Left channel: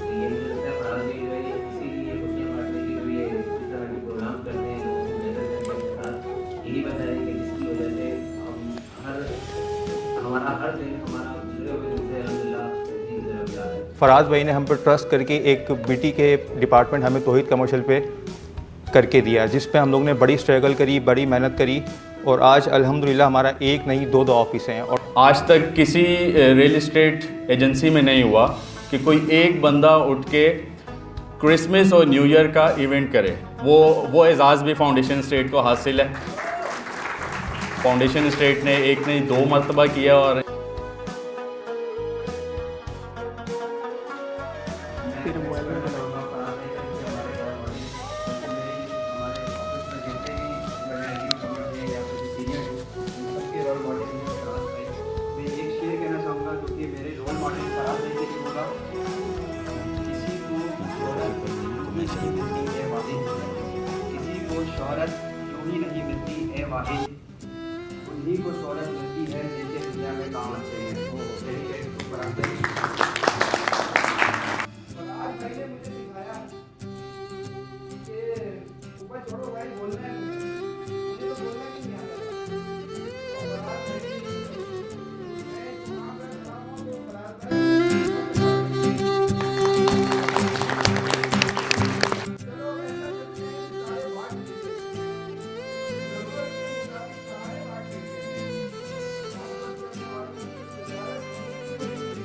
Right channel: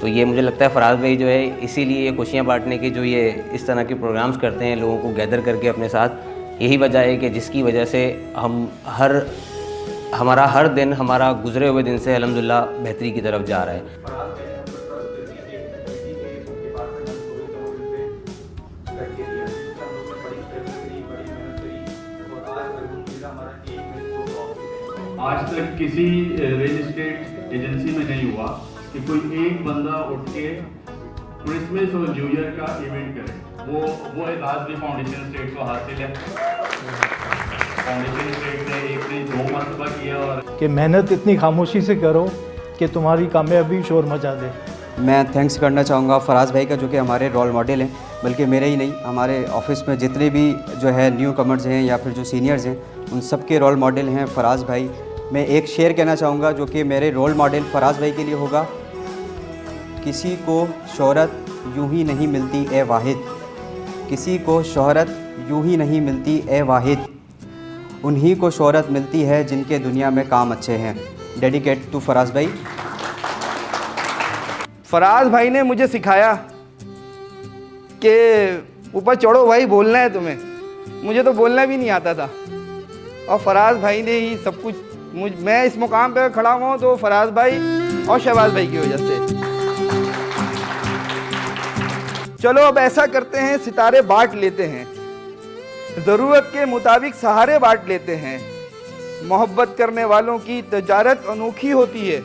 तो ये मुझे लगता है फराज भाई जो है इसीलिए ये खुशियाँ बांटने के जो ये इस तरह के प्रोग्राम्स करते हैं लोगों को गैदर करके अपने साथ, यही वजह है कि जिसकी वजह से हमारा हर दिन हमारा गुजरे हुए दिन से अल्हम्दुलिल्लाह बेहतरी की तरफ जा रहा है। फराज भाई ने हम पर ट्रस्ट करके एक बीटी के डिपार्टमेंट हमें तौहीद कमर्शियल पे करके दिया, जिस पे हम लोग ने बड़ी स्ट्रगल करी, बड़ी मेहनत करी और आज अल्हम्दुलिल्लाह हमारा एक नहीं दो ऑफिस हैं। और आज तक किसी रियल एस्टेट एजेंसी में नहीं हुआ कि कोई एक बंदा उठ के क्रिसमस और न्यू ईयर का इवेंट करे। वो एजाज़ भी फाउंडेशन स्टेट को हासिल है। फाउंडेशन स्टेट ने एक नहीं दो मरतबा किया। और कि मेहनत इतनी खामोशी से करो कि तुम्हारी कामयाबी शोर मचा दे। मैं थैंक्स करना चाहूँगा फराज भाई का, जो कि हमारे रोल मॉडल हैं, बल्कि मेरे ही नहीं हमारे ऑफिस में जितने भी जो है न्यू कमर्स हैं या फिर जो सीनियर्स हैं उन सब के रोल मॉडल हैं फराज भाई। मैं एक शेर कहना चाहूँगा जो कि मेरे रोल मॉडल फराज भाई के लिए होगा, किसी को शोहरत यूँ ही नहीं मिलती ए वाहिद, किसी को शोहरत यूँ ही नहीं मिलती ए वाहिद, उन्हीं को शोहरत मिलती है जिनके दुनिया में काम अच्छे हैं। डेडिकेट टू फराज भाई। फराज भाई ने मुझे सिखाया कि ऊपर चढ़ो भाई, बोलना है तुम्हें। मुझे तो बोलना भी नहीं आता था और फराज भाई ने ही सब कुछ मैं इस मुकाम पर खड़ा हुआ हूँ तो फराज भाई और शहबाज भाई की वजह से। चलो अब ऐसा करते हैं, सितारे बांट लेते हैं, ज़रूरत के मुताबिक सहारे बांट लेते हैं। मोहब्बत करने वालों की तजारत अनोखी होती है,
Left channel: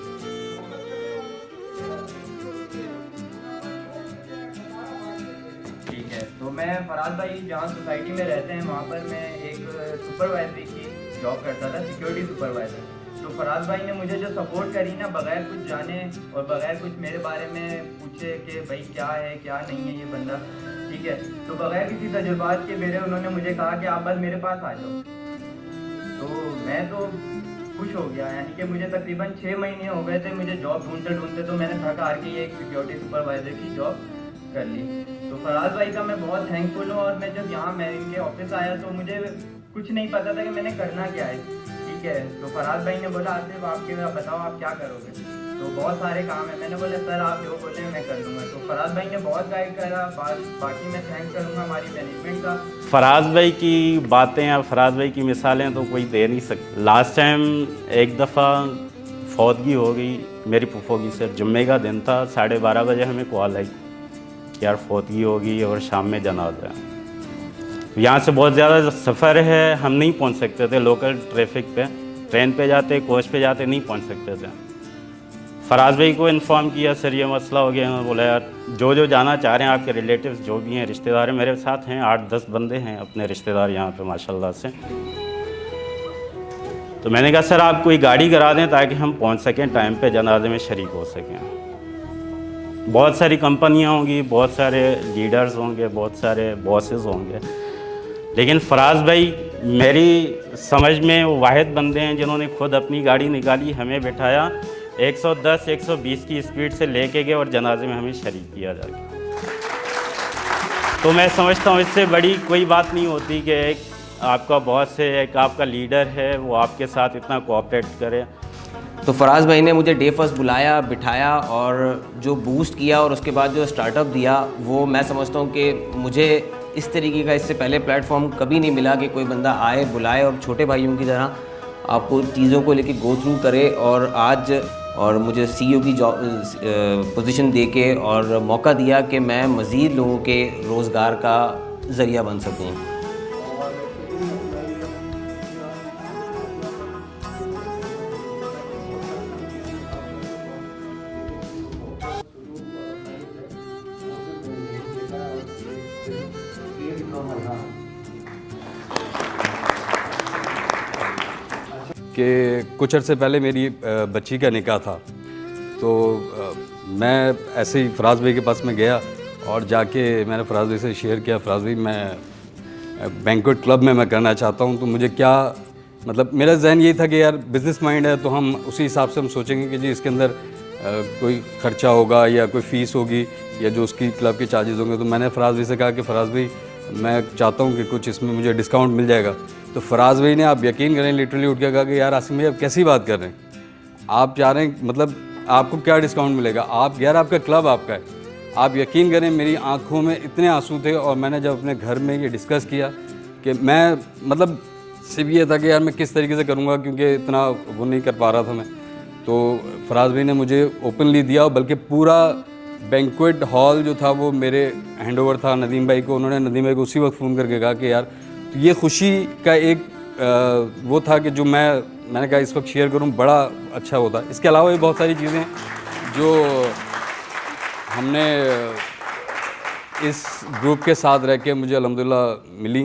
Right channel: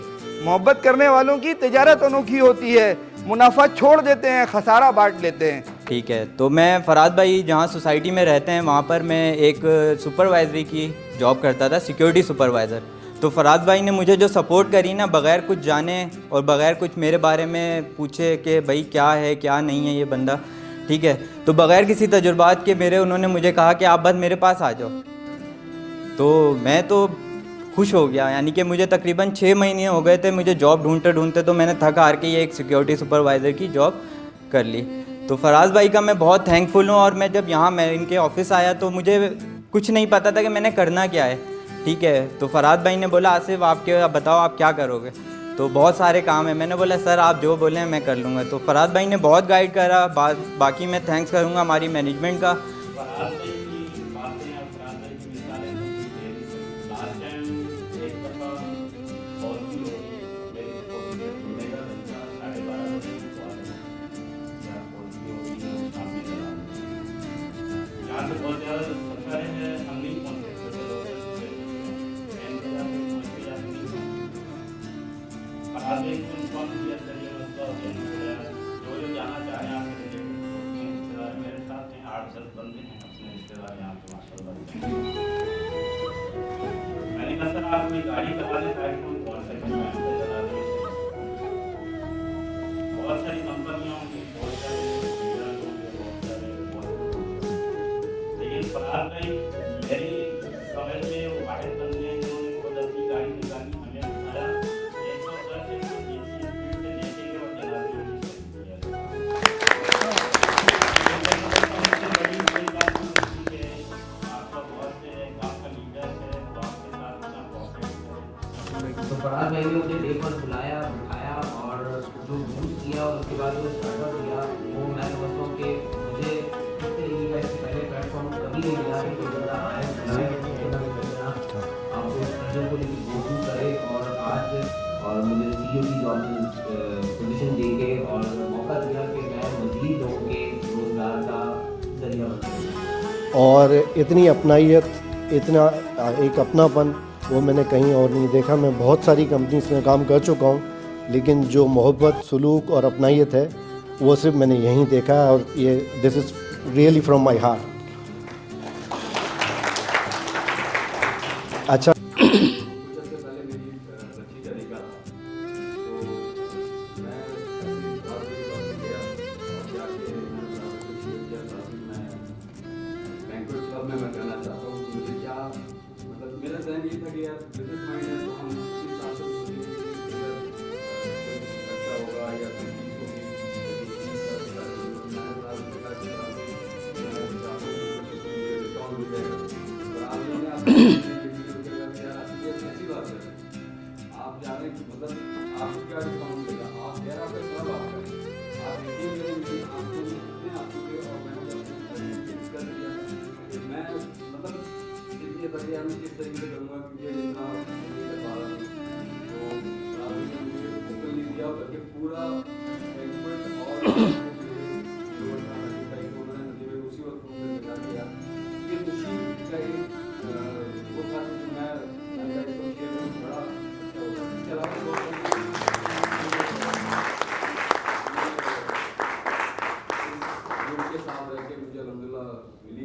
मोहब्बत करने वालों की तजारत अनोखी होती है। मुनाफा छोड़ देते हैं, खसारा बांट लेते हैं। ठीक है, तो मैं फराज भाई जहाँ सोसाइटी में रहते हैं वहाँ पर मैं एक सुपरवाइजरी की जॉब करता था, सिक्योरिटी सुपरवाइज़र। तो फराज भाई ने मुझे जो सपोर्ट करी ना, बग़ैर कुछ जाने और बग़ैर कुछ मेरे बारे में पूछे कि भाई क्या है क्या नहीं है ये बंदा, ठीक है, तो बग़ैर किसी तजुर्बात के मेरे उन्होंने मुझे कहा कि आप बस मेरे पास आ जाओ। तो मैं तो खुश हो गया, यानी कि मुझे तकरीबन 6 महीने हो गए थे मुझे जॉब ढूंढते ढूंढते, तो मैंने थक हार के ये एक सिक्योरिटी सुपरवाइज़र की जॉब कर ली। तो फराज भाई का मैं बहुत थैंकफुल हूँ। और मैं जब यहाँ मैं इनके ऑफिस आया तो मुझे कुछ नहीं पता था कि मैंने करना क्या है, ठीक है। तो फराज भाई ने बोला आसिफ आप बताओ आप क्या करोगे, तो बहुत सारे काम है। मैंने बोला सर आप जो बोलें मैं कर लूँगा। तो फराज भाई ने बहुत गाइड करा। बाकी मैं थैंक्स करूँगा हमारी मैनेजमेंट का। फराज भाई की बातें या फराज भाई की मिसालें तो कोई दे नहीं सकता। लास्ट टाइम एक दफ़ा फौतगी हो गई मेरी फूफो की, सिर्फ जुम्मे का दिन था, 12:30 बजे हमें कॉल आई कि यार फौतगी हो गई और शाम में जनाजा है। यहाँ से बहुत ज़्यादा सफ़र है, हम नहीं पहुँच सकते थे लोकल ट्रैफिक पे, ट्रेन पे जाते कोच पे जाते नहीं पहुँच सकते थे। फराज भाई को इन्फॉर्म किया सर ये मसला हो गया। उन्होंने बोला यार जो जाना चाह रहे हैं आपके रिलेटिव्स जो भी हैं, रिश्तेदार हैं, मेरे साथ हैं 8-10 बंदे हैं अपने रिश्तेदार यहाँ पे माशाल्लाह से। तो मैंने कहा सर आप कोई गाड़ी करा दें ताकि हम पहुँच सकें टाइम पे, जनाजे में शरीक हो सकें। बहुत सारी कंपनियाँ होंगी, बहुत सारे लीडर्स होंगे, बहुत सारे बॉसेस होंगे, लेकिन फराज भाई मेरी समझ में वो वाहिद बंदे हैं जिन्होंने खुद अपनी गाड़ी निकाली, हमें बिठाया, 110-120 की स्पीड से लेके गए और जनाजे में हमें शरीक किया जाए। तो मैं समझता हूँ इससे बड़ी कोई बात नहीं होती कि एक आपका बॉस है, एक आपका लीडर है, वो आपके साथ इतना कोऑपरेट करे। तो फराज भाई ने मुझे डे फर्स्ट बुलाया, बिठाया और जो बूस्ट किया और उसके बाद जो स्टार्टअप दिया, वो मैं समझता हूँ कि मुझे इस तरीके का इससे पहले प्लेटफॉर्म कभी नहीं मिला कि कोई बंदा आए, बुलाए और छोटे भाइयों की तरह आपको चीज़ों को लेके गो थ्रू करे और मुझे सीईओ की जॉब पोजीशन देके और मौका दिया कि मैं मज़ीद लोगों के रोज़गार का ज़रिया बन सकूँ। और इतनी अपनाइयत, इतना एक अपनापन वो मैंने कहीं और नहीं देखा। मैं बहुत सारी कंपनीज में काम कर चुका हूँ, लेकिन जो मोहब्बत, सलूक और अपनाइयत है वो सिर्फ मैंने यहीं देखा है। और ये this is really from my heart. अच्छा, कुछ अर्से पहले मेरी बच्ची का निकाह था, तो मैं ऐसे ही फराज भाई के पास में गया और जाके मैंने फराज भाई से शेयर किया, फराज भाई मैं बैंक्वेट क्लब में मैं करना चाहता हूँ। तो मुझे क्या मतलब मेरा जहन ये था कि यार बिज़नेस माइंड है तो हम उसी हिसाब से हम सोचेंगे कि जी इसके अंदर कोई खर्चा होगा या कोई फ़ीस होगी या जो उसकी क्लब के चार्जेस होंगे। तो मैंने फराज भाई से कहा कि फराज भाई मैं चाहता हूँ कि कुछ इसमें मुझे डिस्काउंट मिल जाएगा। तो फराज भाई ने, आप यकीन करें, लिटरली उठ के कहा कि यार आसिम भाई आप कैसी बात कर रहे हैं, आप चाह रहे हैं मतलब आपको क्या डिस्काउंट मिलेगा, आप यार आपका क्लब आपका है। आप यकीन करें मेरी आंखों में इतने आंसू थे, और मैंने जब अपने घर में ये डिस्कस किया कि मैं मतलब सिर्फ ये था कि यार मैं किस तरीके से करूँगा, क्योंकि इतना वो नहीं कर पा रहा था मैं। तो फराज भाई ने मुझे ओपनली दिया, बल्कि पूरा बैंक्वेट हॉल जो था वो मेरे हैंडओवर था नदीम भाई को। उन्होंने नदीम भाई को उसी वक्त फ़ोन करके कहा कि यार ये खुशी का एक वो था कि जो मैंने कहा इस वक्त शेयर करूं, बड़ा अच्छा होता। इसके अलावा भी बहुत सारी चीज़ें जो हमने इस ग्रुप के साथ रह के मुझे अल्हम्दुलिल्लाह मिली।